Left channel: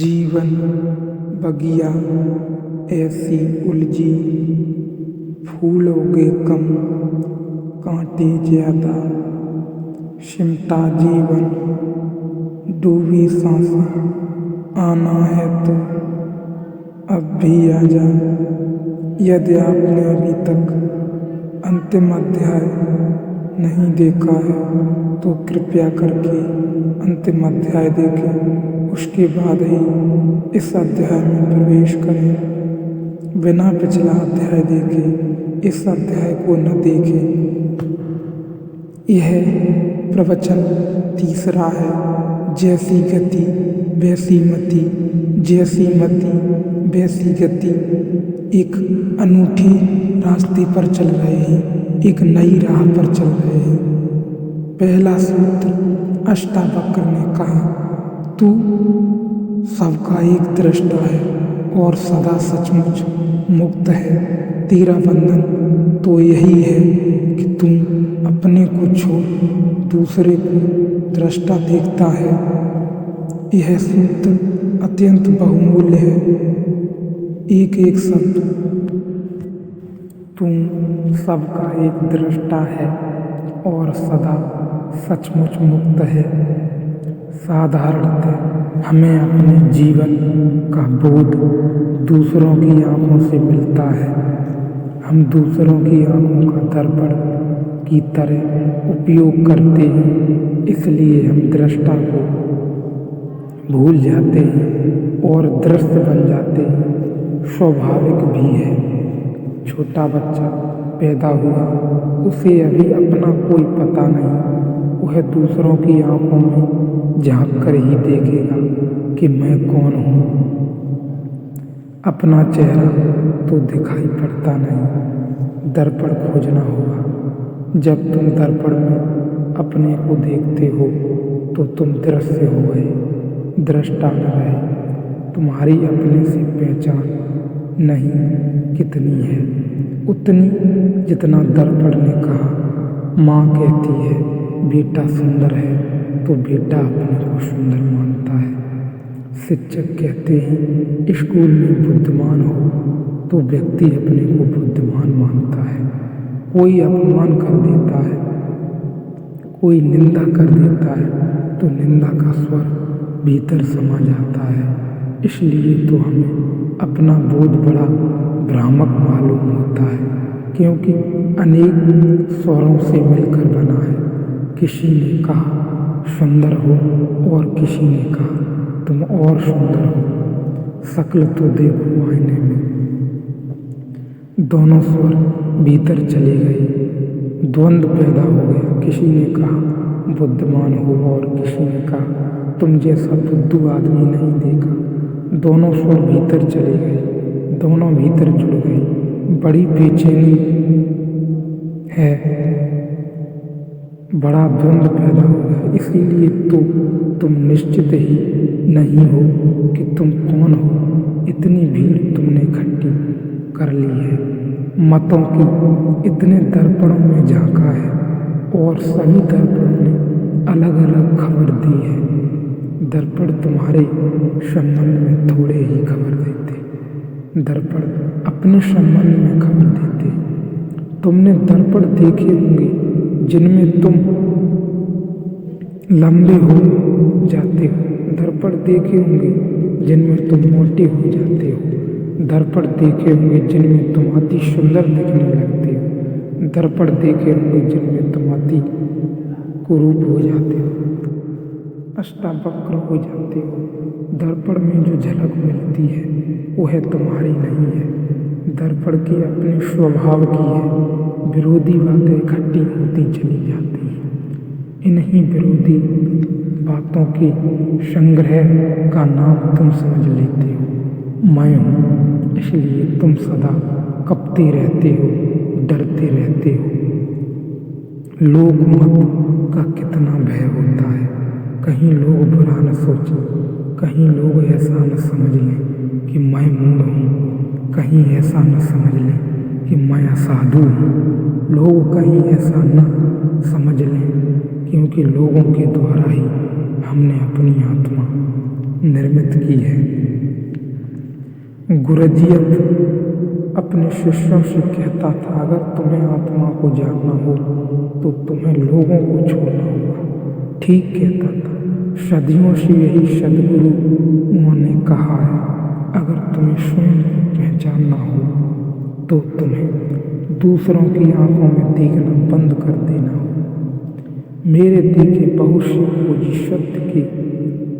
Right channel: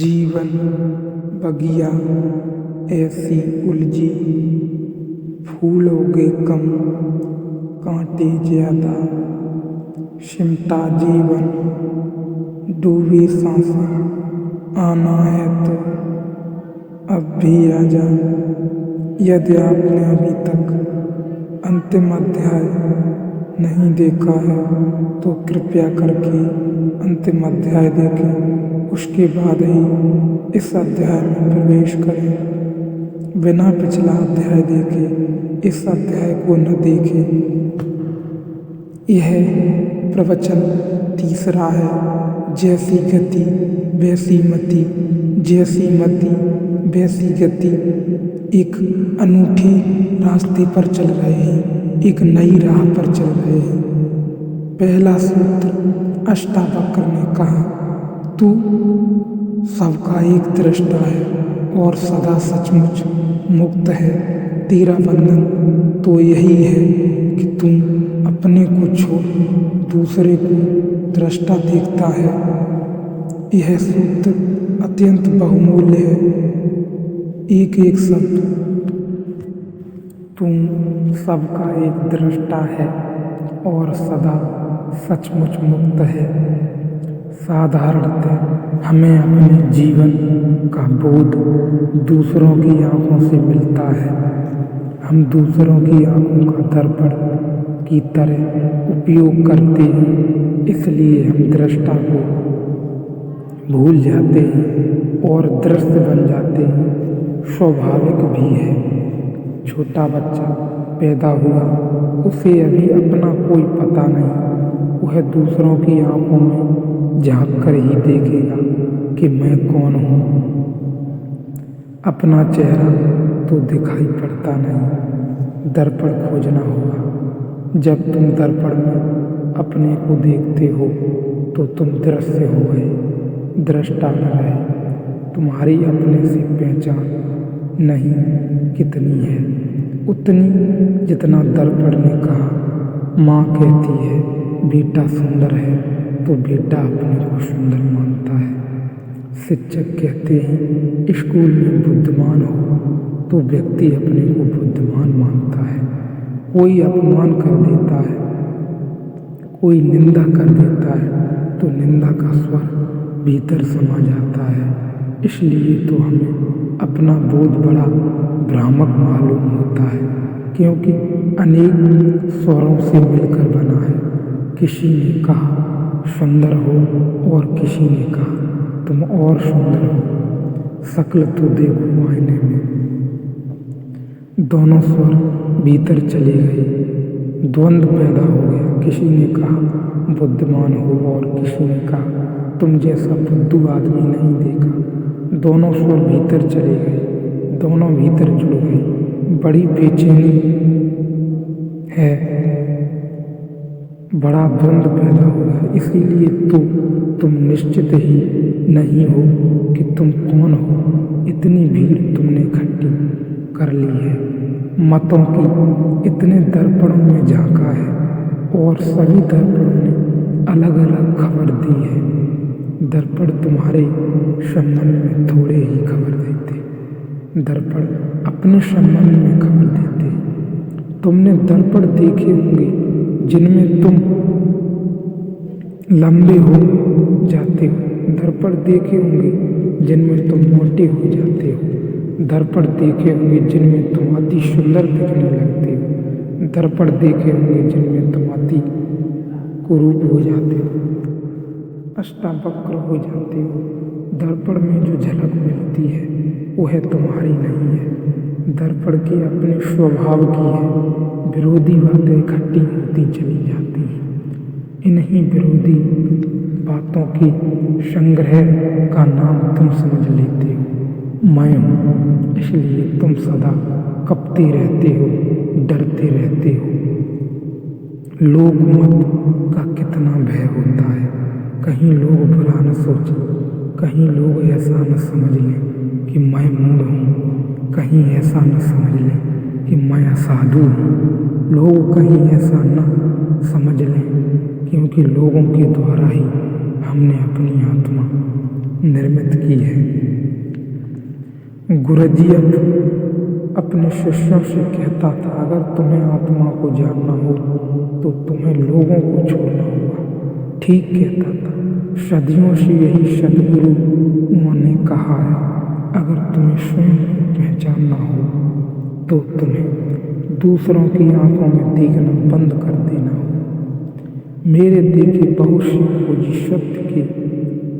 जीवन बगिया ऐसी उलझी, फूल उगे कम कांटे ज्यादा, सिमटा जीवन डूबी सांसें। आना है तो अब भी आजा। यदि आपने अभी तक अंतिम अध्याय नहीं देखा है तो कृपया करके अंतिम अध्याय देखें, उसके बाद ही इस अध्याय में प्रवेश करें। बिना पिछला अध्याय देखे इस अध्याय को न देखें। यह प्रवचन तीसरा है। जैसी गति वैसी मति, जैसी मति वैसी गति। एक अनूठी रास्ते पर चल रहे हैं, एक नई राह पर चल रहे हैं। पहला सूत्र अष्टावक्र ने कहा, तू सबका एक दृष्टा है और सदा सचमुच मुक्त है। तेरा बंधन तो यही है कि तू अपने को छोड़ दूसरे को दृष्टा देखता है। यह सूत्र अत्यंत बहुमूल्य है। एक एक शब्द तू सबका एक दृष्टा है और सदा सचमुच मुक्त है। साधारणतः हमें अपने जीवन का बोध दूसरों की आंखों से मिलता है। हम दूसरों की आंखों का दर्पण की तरह उपयोग करते हैं, इसलिए हम दृष्टा को भूल जाते हैं और दृश्य बन जाते हैं। स्वाभाविक भी है। छोटा बच्चा पैदा हुआ, उसे अभी अपना कोई पता नहीं। वह दूसरों की आंखों में झांक कर ही देखेगा कि मैं कौन हूँ। अपना चेहरा तो दिखाई पड़ता नहीं, दर्पण खोजना होगा। जब तुम दर्पण में अपने को देखते हो तो तुम दृश्य हो गए, दृष्टा न रहे। तुम्हारी अपने से पहचान नहीं कितनी है, उतनी जितना दर्पण ने कहा। माँ कहती है बेटा सुंदर है तो बेटा अपने को सुंदर मानता है। शिक्षक कहते हैं स्कूल में बुद्धिमान हो तो व्यक्ति अपने को बुद्धिमान मानता है। कोई अपमान कर देता है, कोई निंदा कर देता है तो निंदा का स्वर भीतर समा जाता है। इसलिए तो हमें अपना बोध बड़ा भ्रामक मालूम होता है, क्योंकि अनेक स्वरों से मिलकर बना है। किसी ने कहा सुंदर हो और किसी ने कहा तुम और सुंदर हो। शक्ल तो देखो आईने में। दोनों स्वर भीतर चले गए, द्वंद्व पैदा हो गया। किसी ने कहा बुद्धिमान हो और किसी ने कहा तुम जैसा बुद्धू आदमी नहीं देखा। दोनों स्वर भीतर चले गए, दोनों भीतर जुड़ गए। बड़ी बेचैनी है, बड़ा द्वंद्व पैदा हो गया। इसीलिए तो तुम निश्चित ही नहीं हो कि तुम कौन हो। इतनी भीड़ तुमने इकट्ठी कर ली है, मतों की इतने दर्पणों में झांका है और सभी दर्पणों ने अलग अलग खबर दी है। दर्पण तुम्हारे संबंध में थोड़े ही खबर देते, दर्पण अपने संबंध में खबर देते। तुमने दर्पण देखे होंगे जिनमें तुम लंबे हो जाते हो, दर्पण देखे होंगे जिनमें तुम मोटे हो जाते हो, दर्पण देखे होंगे जिनमें तुम अति सुंदर दिखने लगते हो, दर्पण देखे होंगे जिनमें तुम अति कुरूप हो जाते हो, अष्टावक्र हो जाते हो। दर्पण में जो झलक मिलती है वह तुम्हारी नहीं है, दर्पण के अपने स्वभाव की है। विरोधी बातें इकट्ठी होती चली जाती हैं। इन्हीं विरोधी बातों के संग्रह का नाम तुम समझ लेते हो मैं हूँ। इसलिए तुम सदा कपते रहते हो, डरते रहते हो। लोक मत का कितना भय होता है। कहीं लोग बुरा न सोचें, कहीं लोग ऐसा न समझ लें कि मैं मूढ़ हूँ, कहीं ऐसा न समझ लें कि मैं असाधु हूँ। लोग कहीं ऐसा न समझ लें, क्योंकि लोगों के द्वारा ही हमने अपनी आत्मा निर्मित की है। गुरुजी अपने शिष्यों से कहता था, अगर तुम्हें आत्मा को जानना हो तो तुम्हें लोगों को छोड़ना होगा। ठीक कहता था। सदियों से यही सद्गुरु उन्होंने कहा है, अगर तुम्हें स्वयं को पहचानना हो तो तुम्हें दूसरों की आंखों में देखना बंद कर देना हो। मेरे देखे बहुत से खोजी सत्य के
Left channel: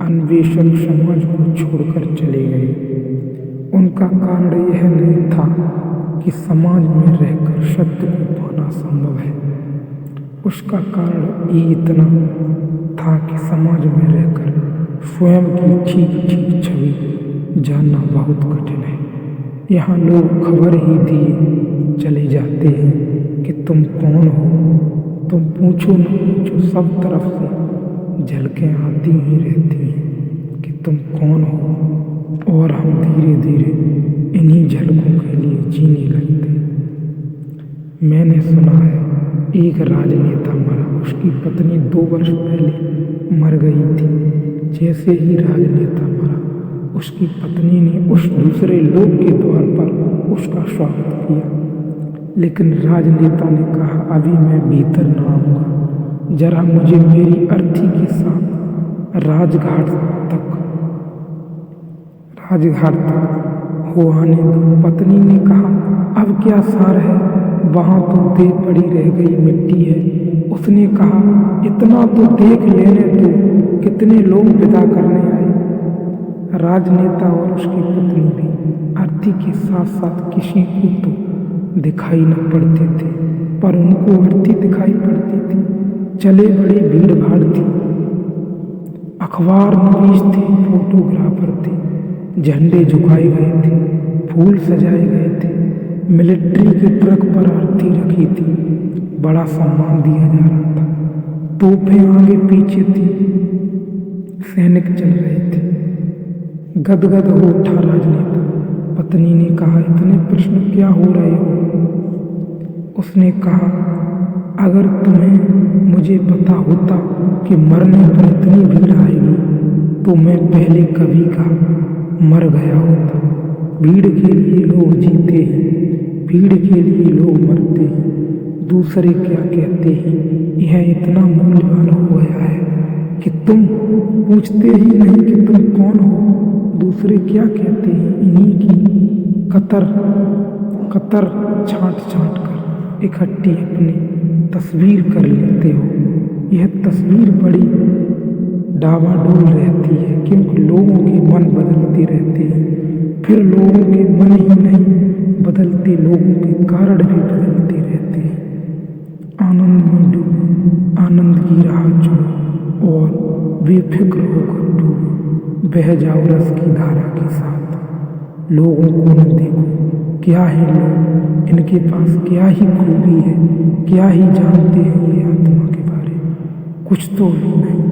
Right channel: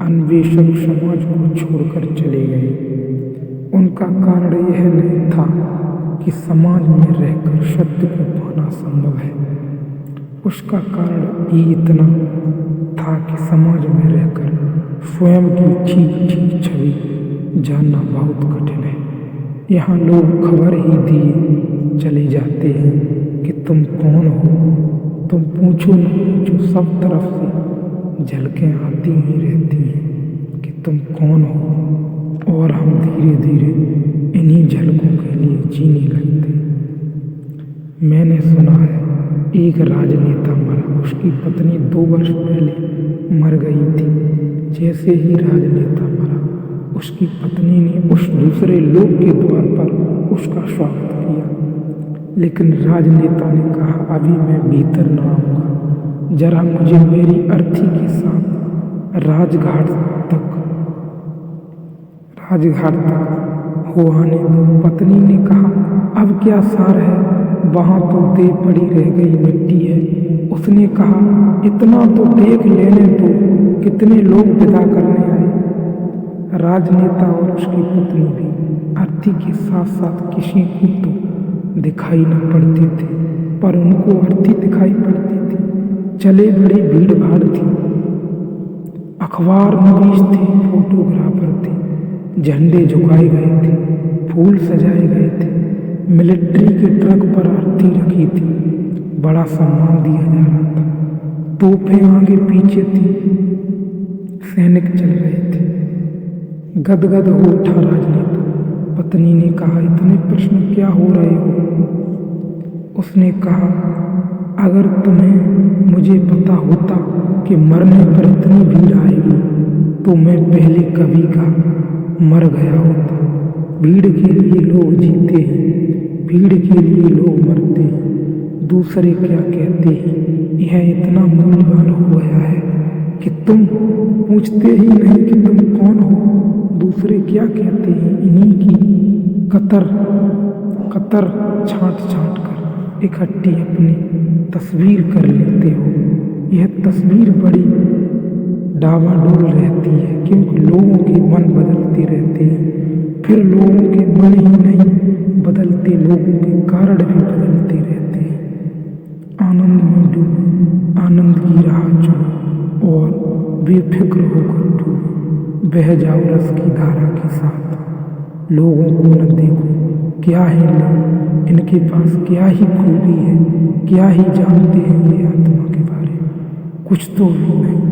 अन्वेषक समाज को छोड़कर चले गए। उनका कारण यह नहीं था कि समाज में रहकर सत्य को पाना संभव है, उसका कारण ये इतना था कि समाज में रहकर स्वयं की ठीक ठीक छवि जानना बहुत कठिन है। यहाँ लोग खबर ही दिए चले जाते हैं कि तुम कौन हो। तुम पूछो न पूछो, सब तरफ से झलकें आती ही रहती हैं कि तुम कौन हो, और हम धीरे धीरे इन्हीं झलकों के लिए जीने लगते। मैंने सुना है एक राजनेता मरा, उसकी पत्नी 2 वर्ष पहले मर गई थी। जैसे ही राजनेता मरा, उसकी पत्नी ने उस दूसरे लोक के द्वार पर उसका स्वागत किया, लेकिन राजनेता ने कहा, अभी मैं भीतर न आऊँगा, जरा मुझे मेरी अर्थी के साथ राजघाट तक हो आने दो। पत्नी ने कहा, अब क्या सार है, वहाँ तो देह पड़ी रह गई मिट्टी है। उसने कहा, इतना तो देख लेने दो, कितने लोग विदा करने आए। राजनेता और उसकी पत्नी भी अर्थी के साथ साथ किसी को तो दिखाई न पड़ते थे, पर उनको अर्थी दिखाई पड़ती थी। चले बड़ी भीड़ भाड़ थी, अखबार नवीस थे, फोटोग्राफर थे, झंडे झुकाए गए थे, फूल सजाए गए थे, मिलिट्री के ट्रक पर अर्थी रखी थी, बड़ा सम्मान दिया जा रहा था, तोपें आगे पीछे थी, सैनिक चल रहे थे। गदगद हो उठा राजनेता। पत्नी ने कहा, इतने प्रश्न क्या हो रहे हो? उसने कहा, अगर तुम्हें मुझे पता होता कि मरने पर इतनी भीड़ आएगी तो मैं पहले कभी का मर गया होता। भीड़ के लिए लोग जीते हैं, भीड़ के लिए लोग मरते हैं, दूसरे क्या कहते हैं, यह इतना मूल्यवान हो गया है कि तुम पूछते ही नहीं कि तुम कौन हो। दूसरे क्या कहते हैं, इन्हीं की कतर छांट छांट कर इकट्ठी अपनी तस्वीर कर लेते हो। यह तस्वीर बड़ी डावाडोल रहती है, क्योंकि लोगों के मन बदलते रहते हैं, फिर लोगों के मन ही नहीं बदलते, लोगों के कारण भी बदलते रहते हैं। आनंद में डूबो, आनंद की राह चुनो और बेफिक्र होकर डूबो, बह जाओ रस की धारा के साथ। लोगों को न देखो, क्या है लोग, इनके पास क्या ही खूबी है, क्या ही जानते हैं ये आत्मा के बारे, कुछ तो भी नहीं।